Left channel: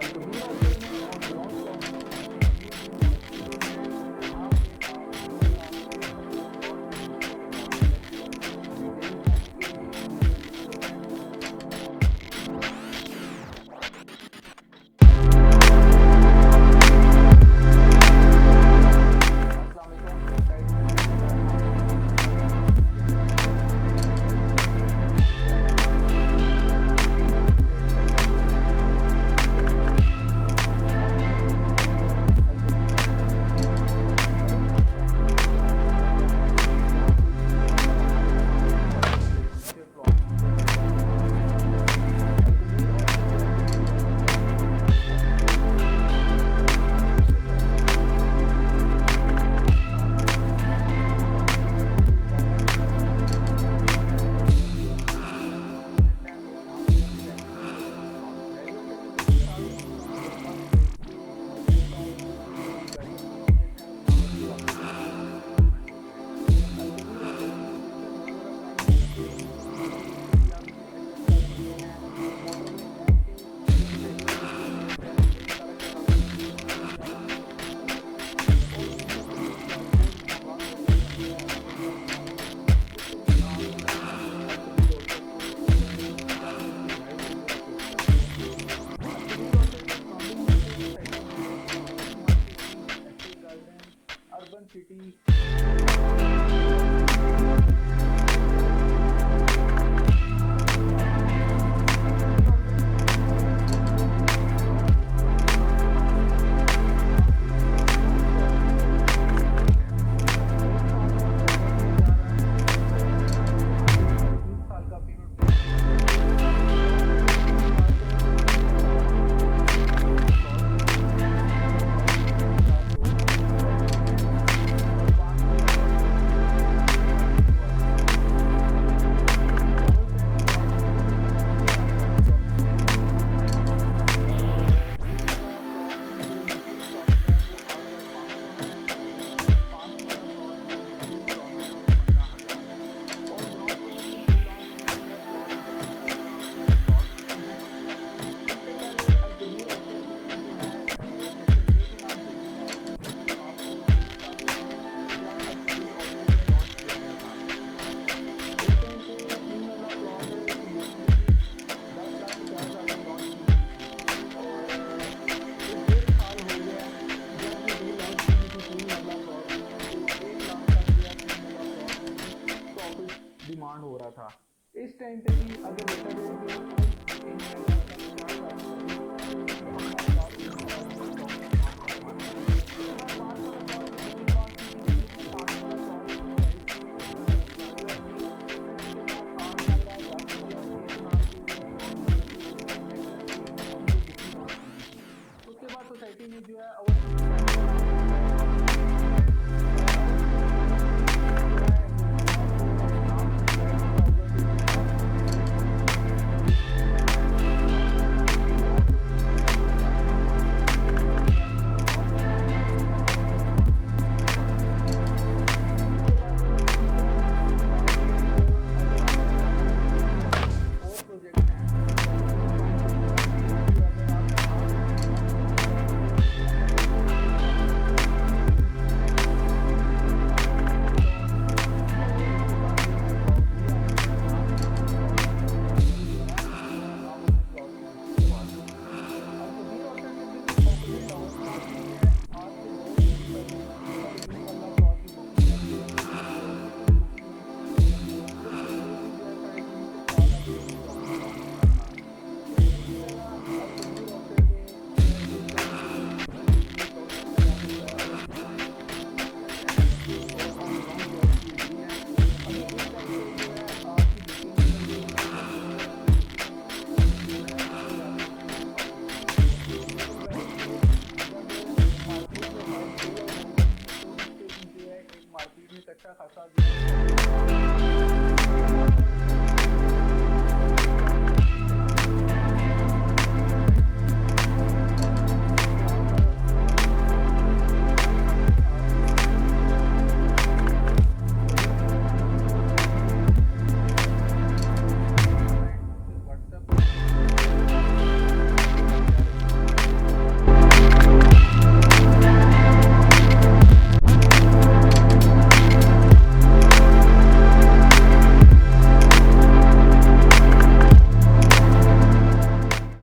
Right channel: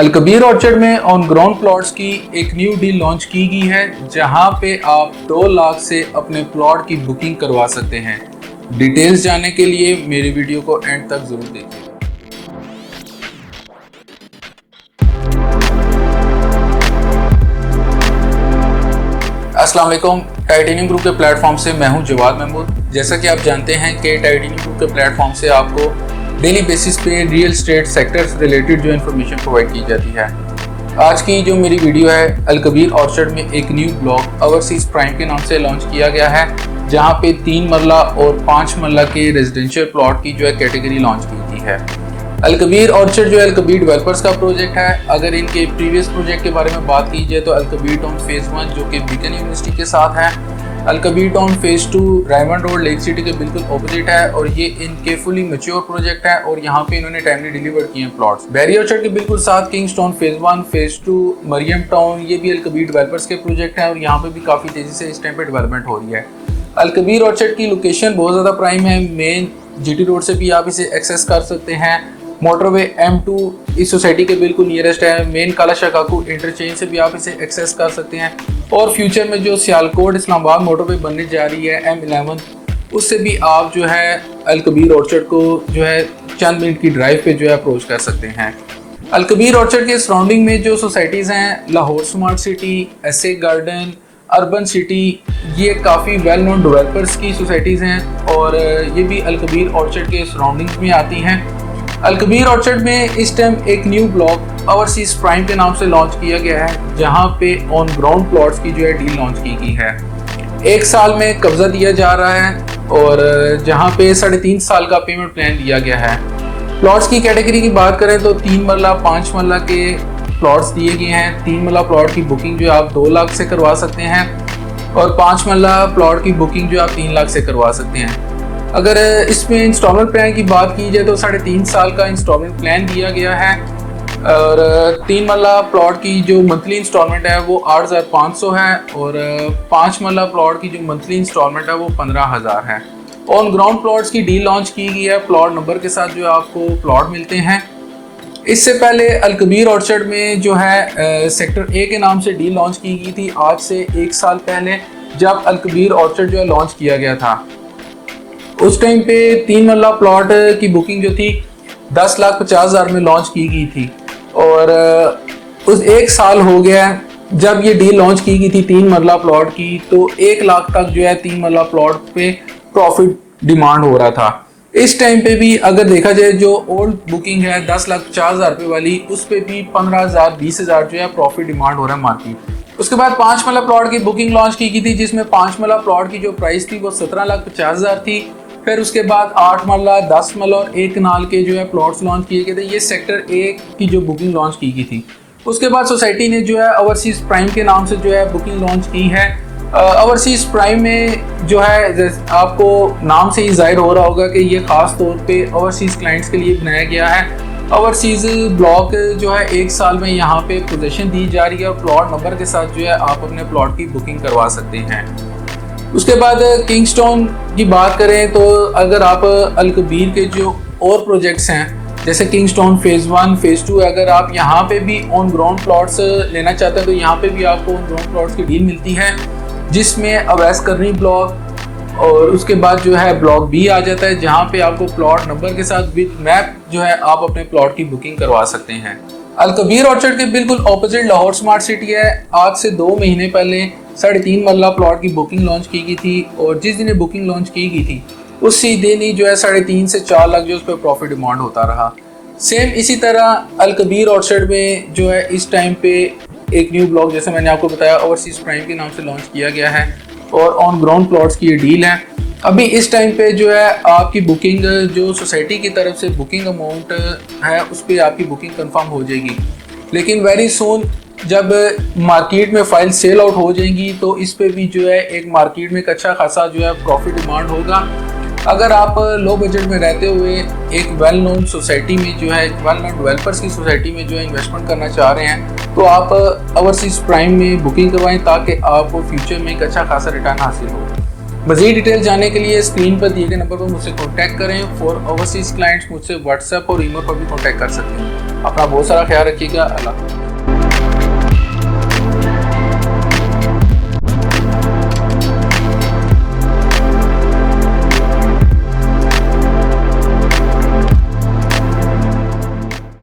Al Kabir orchard में on ground plots की एक न्यू डील लॉन्च की गई है, जहां पे आप 2 लाख से अपने प्लॉट की बुकिंग करवा सकते हैं। डिटेल्स जानने के लिए मेरी वीडियो को एंड तक जरूर देखिए। अस्सलाम वालेकुम। टाइटेनियम ग्रुप के प्लेटफॉर्म से मैं हूं जवाद महमूद। जैसा कि आप जानते हैं कि टाइटेनियम ग्रुप के प्लेटफॉर्म से आपको डेली बेसिस पे रियल एस्टेट सेक्टर से रिलेटेड जो इन्फॉर्मेशन प्रोवाइड की जाती है। आज की जो मेरी वीडियो है, अलकबीर ऑर्चर्ड में एक न्यू ब्लॉक ओवरसीज प्राइम के नाम से लॉन्च किया गया है, जहां पे 3 मरला और 5 मरला के रेजिडेंशियल प्लॉट की जो है कैटेगरी लॉन्च की गई है। अलकबीर ऑर्चर्ड जो है अलकबीर डेवलपर्स का प्रोजेक्ट है। अगर इनके प्रीवियस प्रोजेक्ट के बारे में बात की जाए तो अलकबीर टाउन फेज़ 1 जो कि बीकन यूनिवर्सिटी के साथ है, Al Kabir town phase 2 Raymond road lake city के बिल्कुल ऑपोजिट है और ये इनके फुली मैच्योर प्रोजेक्ट है और यहाँ पे इन्होंने टाइमली डिलीवर किए हैं प्लॉट्स। बैरी ऑर्चर्ड के बिल्कुल साथ Kingstown phase 1 phase 2 Mariam town, ये भी अलकबीर डेवलपर्स के प्रोजेक्ट हैं और यहाँ पे भी काफ़ी तेज़ी से इस टाइम पे डेवलपमेंट हो रही है। अलकबीर ऑर्चर्ड की लोकेशन बहुत ज़्यादा प्राइम है। मेन GT रोड से भी आप इसे एक्सेस कर सकते हैं। मोटरवे M2 इस सोसाइटी के बिल्कुल नियरेस्ट है। मेन कालाशाह काकू इंटरचेंज से भी आप इसे एक्सेस कर सकते हैं और फ्यूचर में जो सियालकोट इस्लामाबाद मोटरवे बनने जा रही है M11, उससे भी आप जो है अलकबीर ऑर्चर्ड को जो है चंद मिनट की ड्राइव पे जो है अप्रोच कर सकते हैं। अलकबीर ऑर्चर्ड के सराउंडिंग में जो सोसाइटीज़ हैं, लाहौर स्मार्ट सिटी, एसे गार्डन, अर्बन सिटी, ये काफ़ी वेल नोन डेवलपर्स की सोसाइटीज़ हैं और ये भी अलकबीर ऑर्चर्ड के सराउंडिंग्स में आती हैं। अलकबीर ऑर्चर्ड में इस टाइम एक न्यू ब्लॉक ओवरसीज प्राइम के नाम से लॉन्च किया गया है, जहां पे ऑन ग्राउंड प्लॉट्स की जो है डील लॉन्च की गई है। 1 साल में कब्जा दिया जा रहा है और जहां पे 3.5 साल का पेमेंट प्लान दिया गया है। प्लॉट्स की कैटेगरी की बात करें तो 3 मरला 5 मरला के प्लॉट्स दिए गए हैं। 3 मरला प्लॉट की बुकिंग जो आप 2 लाख से करवा सकते हैं और 5 मरला प्लॉट की बुकिंग जो आप 3 लाख से करवा सकते हैं। अगर इसमें इंस्टॉलमेंट प्लान की बात की जाए तो 3.5 साल का इंस्टॉलमेंट प्लान दिया गया है और 3 मरला प्लॉट की जो मंथली इंस्टॉलमेंट है वो 8,500 है और 5 मरला प्लॉट की जो मंथली इंस्टॉलमेंट है वो 15,000 है। ऑन ग्राउंड प्लॉट्स की डील लॉन्च की गई है, प्लॉट नंबर के साथ जो आपको प्लॉट मिलते हैं। इससे पहले अलकबीर ऑर्चर्ड में जो है सेक्टर A के नाम से डील लॉन्च की गई थी आज से 1 साल पहले, जब अलकबीर ऑर्चर्ड जो है लॉन्च किया गया था। उस टाइम पे 3 मरला प्लॉट की बुकिंग जो थी 10,50,000 में लॉन्च की गई थी और उस 1 साल हो गया जब ये डील लॉन्च की गई थी 3 मरला प्लॉट की, तो 1 लाख तक जो है 3 मरला प्लॉट पे प्रॉफिट डिमांड हो रहा था। इस टाइम पे भी अगर देखा जाए जो ओल्ड बुकिंग है 10,50,000 रुपये वाली, उस पर भी 15,000 20,000 जो है प्रॉफिट डिमांड हो रहा है मार्केट। उसके बाद 5 मरला प्लॉट की बुकिंग लॉन्च की गई थी, जिसमें 5 मरला प्लॉट की जो प्राइस थी वो 17,50,000 थी। फिर उसके बाद 8 मरला 10 मरला और 1 कनाल के जो है प्लॉट्स लॉन्च किए गए थे। ये सेक्टर A की जो बुकिंग लॉन्च की गई थी। उसके बाद सोसाइटी ने जो है ओवरसीज प्राइम के नाम से जो है बुकिंग लॉन्च की है। ओवरसीज प्राइम में जो है आपको नाम से ही जाहिर हो रहा होगा कि ये खास तौर पे ओवरसीज क्लाइंट्स के लिए बनाया गया है। ओवरसीज ब्लॉक जो है 1 साल में यहाँ पे पोजीशन दी जा रही है और प्लॉट नंबर के साथ जो है आप अपने प्लॉट की बुकिंग करवा सकते हैं। उसके बाद किंग्सटाउन की बात करें तो अगर आप अलकबीर के जो और प्रोजेक्ट्स हैं, जैसे किंग्सटाउन फेज़ 1 फेज़ 2, अगर आप यहाँ पे भी ऑन ग्राउंड प्लॉट्स लेना चाहते हैं तो यहाँ पे भी आपको ऑन ग्राउंड प्लॉट्स की डील मिलती है, जिसमें अवैस करनी ब्लॉक और उसके बाद जो है ब्लॉक B आ जाता है, जहाँ पे आपको प्लॉट नंबर के साथ विद मैप जो है आप अपने प्लॉट की बुकिंग करवा सकते हैं। अलकबीर ऑर्चर्ड के बिल्कुल ऑपोजिट लाहौर स्मार्ट सिटी है। आज से 2 महीने पहले 3.5 मरला प्लॉट की बुकिंग लॉन्च की गई थी और जिस दिन बुकिंग लॉन्च की गई थी उसी दिन ही जो है 3.5 से 4 लाख जो उस पर प्रॉफिट डिमांड होता रहा। सेम इसी तरह अलकबीर ऑर्चर्ड में जो है इस टाइम पे एक न्यू ब्लॉक, जैसे मैंने आपको बताया, ओवरसीज प्राइम के नाम से लॉन्च किया गया है और ऑन ग्राउंड प्लॉट्स की ये डील है। अभी इस टाइम पे जो है आपकी बुकिंग जो सोसाइटी की तरफ से बुकिंग अमाउंट है उस पर आपकी बुकिंग कंफर्म हो जाएगी, लेकिन वेरी सून जब मार्केट में फाइल सेल आउट हो जाएंगी तो इस पे भी जो है एक मार्केट में एक अच्छा खासा जो है प्रॉफिट डिमांड होगा। अगर आप लो बजट में रहते हुए एक वेल नोन सोसाइटी में जो है वेल नोन डेवलपर्स की सोसाइटी में जो है इन्वेस्टमेंट करना चाह रहे हैं तो आप ओवरसीज प्राइम में बुकिंग करवाएं ताकि आपको फ्यूचर में एक अच्छा खासा रिटर्न हासिल हो। मज़ीद डिटेल जानने के लिए स्क्रीन पर दिए गए नंबर पर मुझसे कॉन्टैक्ट करें। फॉर ओवरसीज़ क्लाइंट्स मुझसे व्हाट्सएप और ईमेल पर भी कॉन्टैक्ट कर सकते हैं। अपना बहुत सारा ख्याल रखिएगा। अल्लाह।